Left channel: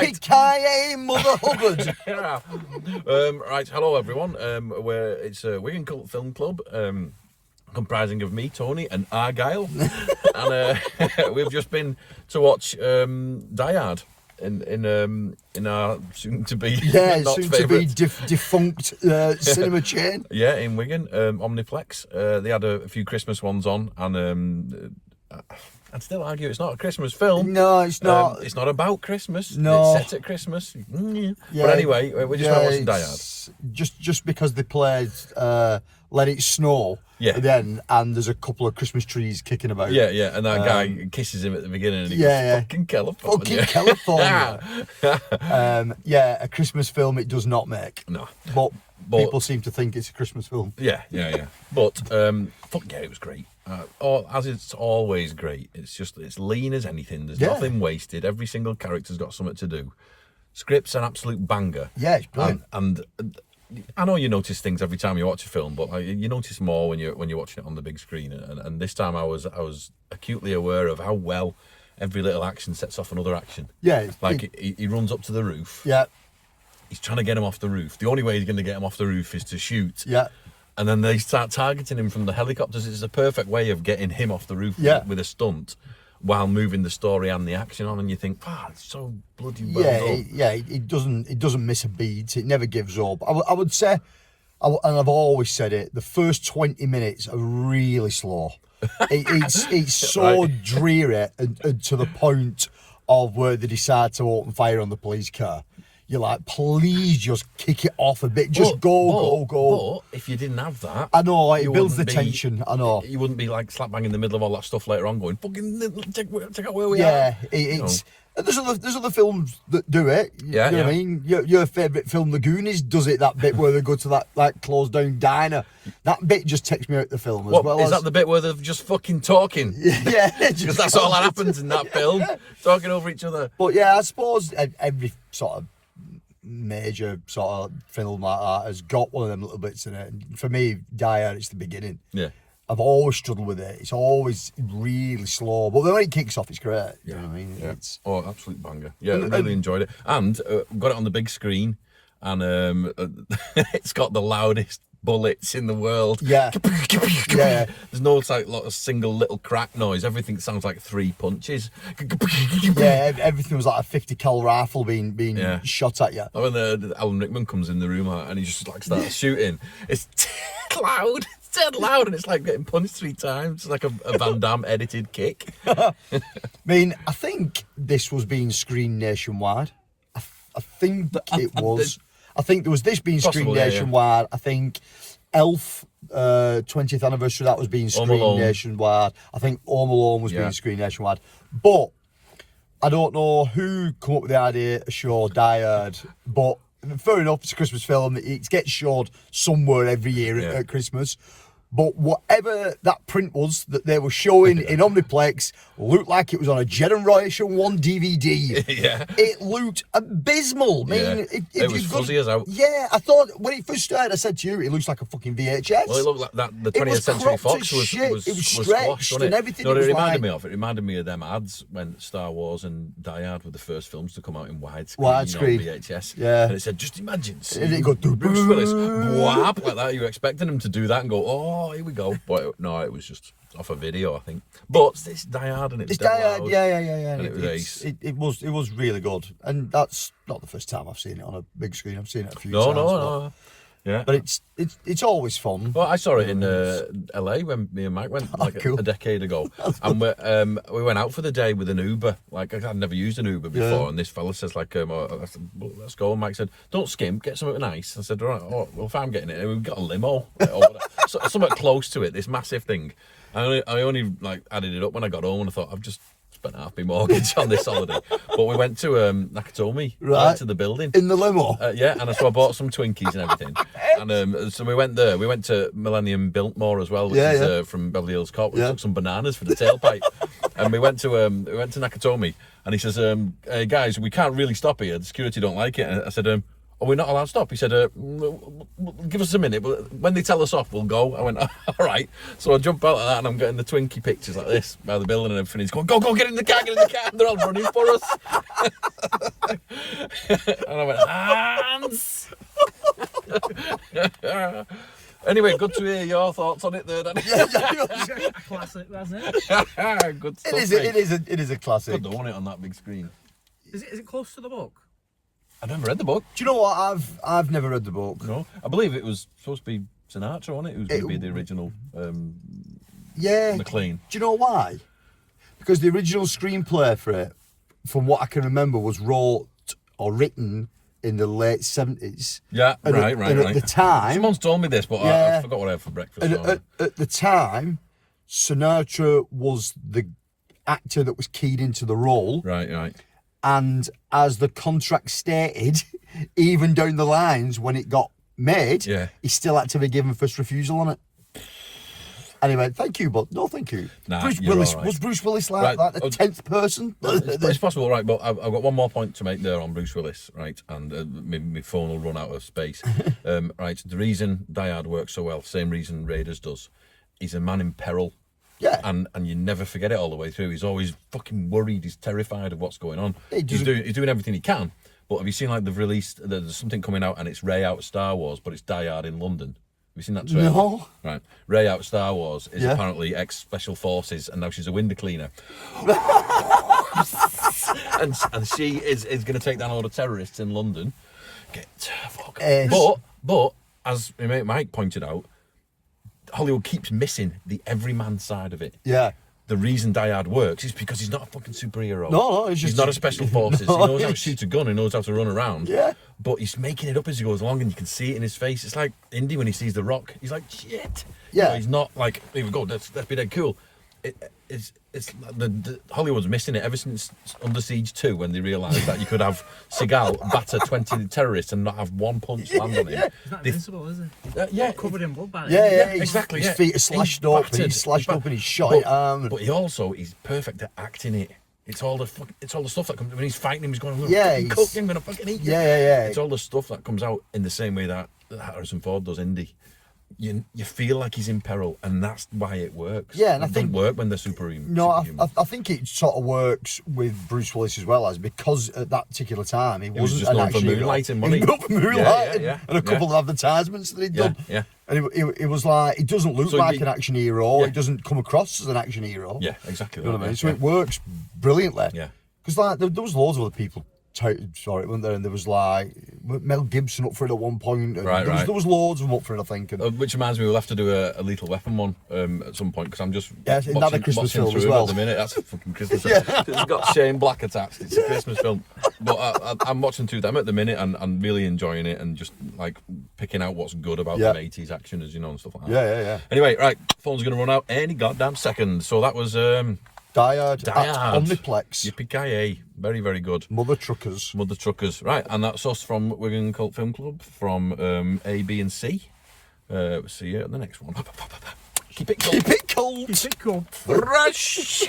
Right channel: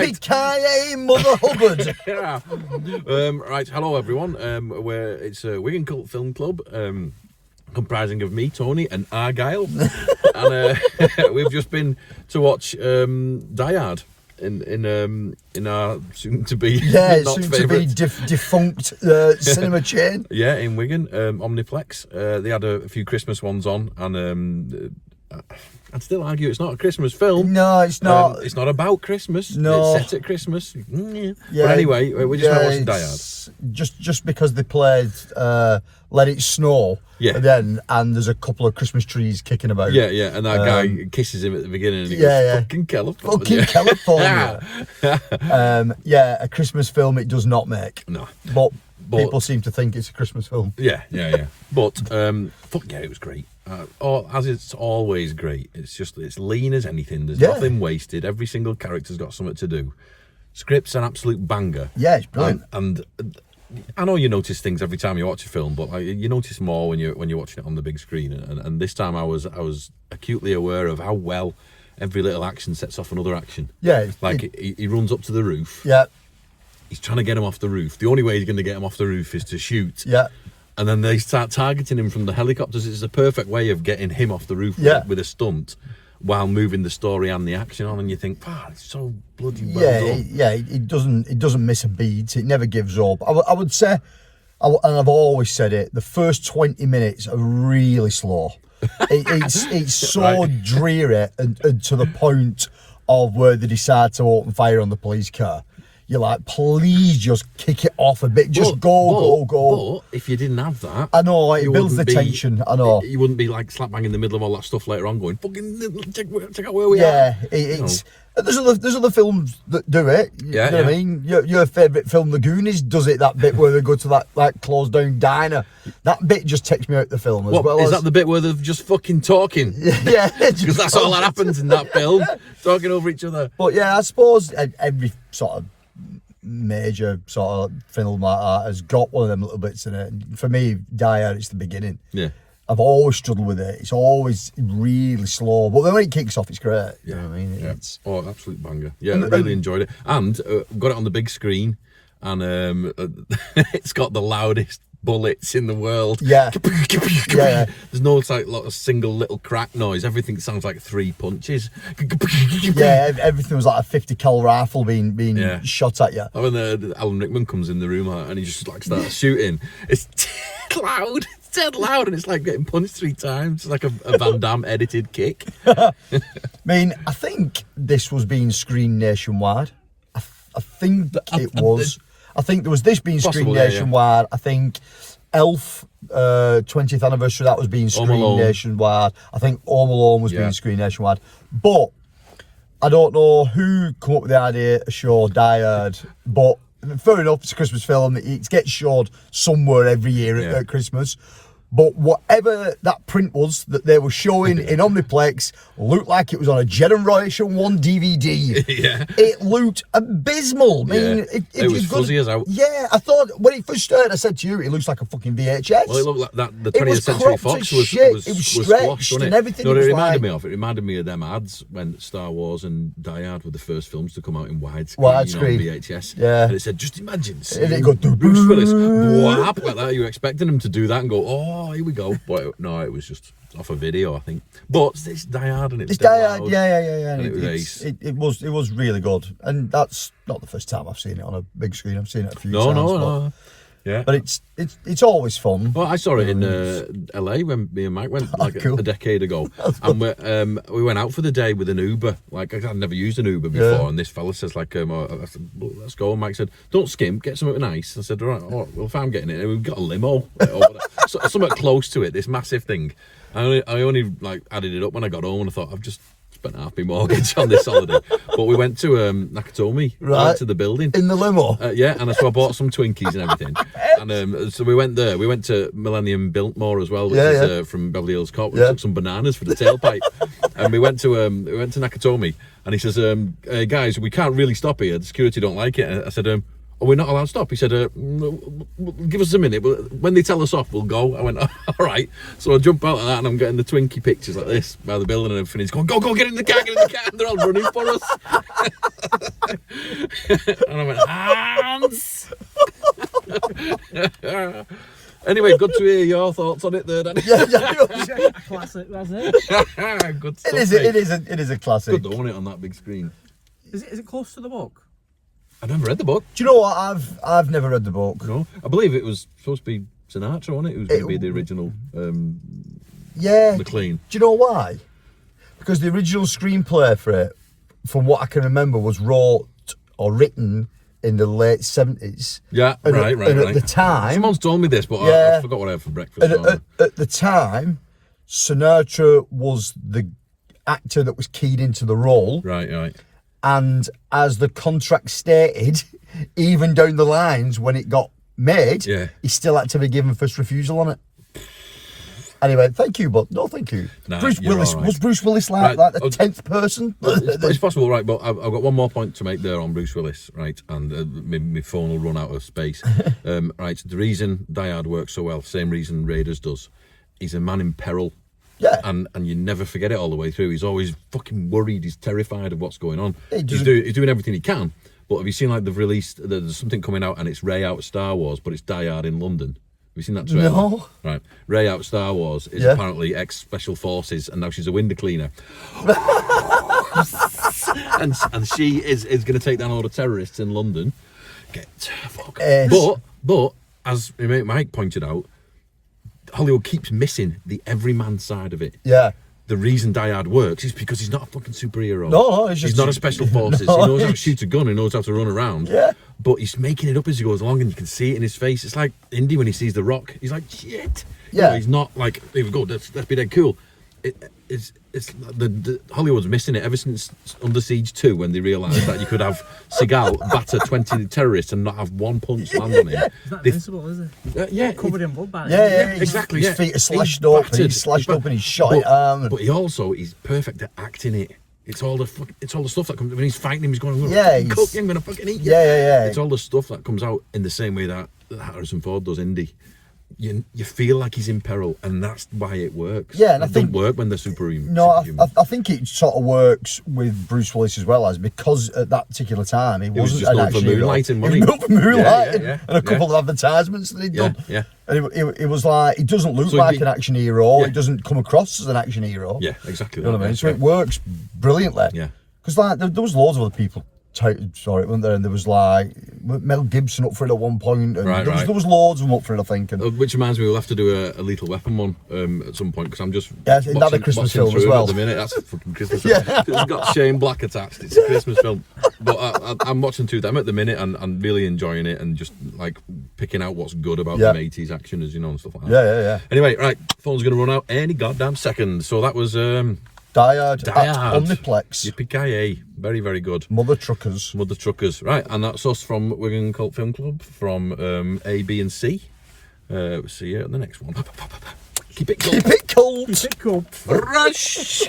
Right. Yippee-ki-yay, Mother Hubbard. Yeah. Right, hello everyone. It's a Wigan Cult Film Club, comprising of me, Tony, and Argyle, and we've just been to watch Die Hard in our soon-to-be defunct cinema chain. Yeah, in Wigan, Omniplex. They had a few Christmas ones on, and I'd still argue it's not a Christmas film. No, it's not. It's not about Christmas. No. It's set at Christmas. Yeah. But anyway, we just went watching Die Hard. Just because they played Let It Snow, then, and there's a couple of Christmas trees kicking about. Yeah, and that guy kisses him at the beginning, and he goes, "Fucking California." Fucking California. A Christmas film it does not make. No. But people seem to think it's a Christmas film. Yeah. But fuck yeah, it was great. As it's always great. It's lean as anything. There's nothing wasted. Every single character's got something to do. Script's an absolute banger. Yeah, it's brilliant. And I know you notice things every time you watch a film, but you notice more when you're watching it on the big screen. And this time I was acutely aware of how well every little action sets off another action. Yeah, he runs up to the roof. Yeah, he's trying to get him off the roof. The only way he's going to get him off the roof is to shoot. Yeah. And then they start targeting him from the helicopters. It's a perfect way of getting him off the roof with a stunt while moving the story and the action on. And you think, it's so bloody well done. It doesn't miss a beat. It never gives up. I would say, and I've always said it, the first 20 minutes are really slow. It's so dreary and to the point of where they decide to open fire on the police car. You're like, please just kick it off a bit. Just go. But if you didn't have that, I know, it builds the tension. I know. You wouldn't be like slap bang in the middle of all that stuff later on going, fucking check out where we are. There's other films that do it. You know what I mean? Your favourite film, The Goonies, does it, that bit where they go to that like closed down diner. That bit just takes me out the film as well. Is that the bit where they're just fucking talking? Yeah. Because that's all that happens in that film. Talking over each other. But yeah, I suppose every sort of major sort of film like that has got one of them little bits in it. And for me, Die Hard, it's the beginning. Yeah. I've always struggled with it. It's always really slow, but then when it kicks off, it's great. Yeah. You know what I mean? Yeah. Absolute banger. Yeah, I really enjoyed it. And got it on the big screen, and it's got the loudest bullets in the world. Yeah. There's no single little crack noise. Everything sounds like 3 punches. Yeah, everything was like a 50 cal rifle being shot at you. When Alan Rickman comes in the room and he just like starts shooting, it's loud. It's dead loud, and it's like getting punched 3 times. It's like a Van Damme edited kick. I mean, I think this was being screened nationwide. I think it was. I think there was this being screened nationwide. I think Elf 20th anniversary, that was being screened nationwide. I think Home Alone was being screened nationwide. But I don't know who come up with the idea to show Die Hard, but fair enough, it's a Christmas film. It gets showed somewhere every year at Christmas. But whatever that print was that they were showing in Omniplex looked like it was on a Generation 1 DVD. Yeah. It looked abysmal. I mean, it was fuzzy as out. Yeah, I thought when it first started, I said to you, it looks like a fucking VHS. Well, it looked like that. The 20th Century Fox was squashed, wasn't it? Everything. No, it reminded me of. It reminded me of them ads when Star Wars and Die Hard were the first films to come out in widescreen, VHS. Yeah. And it said, just imagine and it got Bruce Willis, whap, like that. You were expecting him to do that and go, oh, here we go. But no, it was just off a video, I think. But it's Die Hard, and it was dead loud. Yeah. And it was ace. It was really good, and that's not the first time I've seen it on a big screen. I've seen it a few times. No. Yeah, but it's always fun. Well, I saw it in LA when me and Mike went a decade ago, and we went out for the day with an Uber. Like I'd never used an Uber before, and this fella says I said, well, let's go. And Mike said, don't skimp, get something nice. I said, right, well, if I'm getting it, and we've got a limo, something close to it, this massive thing. I only added it up when I got home, and I thought I've just spent half my mortgage on this holiday. But we went to Nakatomi, right, to the building in the limo. And so I bought some Twinkies and everything. And so we went there. We went to Millennium Biltmore as well, which is from Beverly Hills Cop. We took some bananas for the tailpipe, and we went to Nakatomi. And he says, "Guys, we can't really stop here. The security don't like it." And I said, are we not allowed to stop? He said, give us a minute. When they tell us off, we'll go. I went, all right. So I jump out of that and I'm getting the Twinkie pictures like this by the building and everything. He's going, go, get in the car, get in the car. And they're all running for us. And I went, Hans. Anyway, good to hear your thoughts on it there, Danny. Classic, wasn't it? Good stuff, It is a classic. Good though, wasn't it, on that big screen? Is it close to the book? I never read the book. Do you know what? I've never read the book. No, I believe it was supposed to be Sinatra, wasn't it? It was going to be the original McLean. Do you know why? Because the original screenplay for it, from what I can remember, was written in the late 70s. Yeah, right. At the time... Someone's told me this, but I forgot what I had for breakfast. At the time, Sinatra was the actor that was keyed into the role. Right. And as the contract stated, even down the lines when it got made, he still had to be given first refusal on it. Anyway, thank you, but no thank you. Nah, Bruce Willis, right. Was Bruce Willis like the 10th person? It's possible, right, but I've got one more point to make there on Bruce Willis, right, and my phone will run out of space. Right, the reason Die Hard works so well, same reason Raiders does, he's a man in peril. Yeah. And you never forget it all the way through. He's always fucking worried, he's terrified of what's going on. He's doing everything he can, but have you seen, like, they've released, there's something coming out and it's Ray out Star Wars, but it's Die Hard in London. Have you seen that trailer? No. Right. Ray out Star Wars is apparently ex-special forces and now she's a window cleaner. and she is going to take down all the terrorists in London. But, as my mate Mike pointed out, Hollywood keeps missing the everyman side of it. Yeah. The reason Die Hard works is because he's not a fucking superhero. No, he's not a special forces. No, he knows how to shoot a gun. He knows how to run around. Yeah. But he's making it up as he goes along, and you can see it in his face. It's like Indy when he sees The Rock. He's like, shit. Yeah. You know, he's not like, here we go. Let's be dead cool. It's the Hollywood's missing it ever since Under Siege 2 when they realised that you could have Seagal batter 20 terrorists and not have one punch land on him. He's not invincible, is he? Yeah, Covered in blood. Yeah, exactly. His feet are slashed up. He's slashed up and he's shot at arm. But he's perfect at acting it. It's all the stuff that comes when he's fighting him. He's going, I'm gonna fucking eat you. Yeah. It's all the stuff that comes out in the same way that Harrison Ford does Indy. You feel like he's in peril, and that's why it works. Yeah, and it doesn't work when they're superhuman. No, I think it sort of works with Bruce Willis as well, as because at that particular time he was just known for moonlighting money. He was known for moonlighting, yeah, and a couple of advertisements that he'd done. Yeah. And it was like, he doesn't look like an action hero. He doesn't come across as an action hero. Yeah, exactly. You know what I mean? So it works brilliantly. Yeah. Because like there was loads of other people touted for it, weren't there? And there was like Mel Gibson up for it at one point. And there was loads of them up for it, I think. And which reminds me, we'll have to do a Lethal Weapon one at some point, because I'm just another Christmas film as well. At the minute, that's a fucking Christmas film. It's got Shane Black attached. It's a Christmas film. But I'm watching two of them at the minute and really enjoying it and just like picking out what's good about them 80s action, as you know, and stuff like that. Yeah. Anyway, right, phone's gonna run out any goddamn second. So that was Die Hard. Omniplex. Yippee-ki-yay. Very, very good. Mother Truckers. Right, and that's us from Wigan Cult Film Club, from A, B and C. See you at the next one. Keep it cold. Keep it cold. Keep it cool. Rush!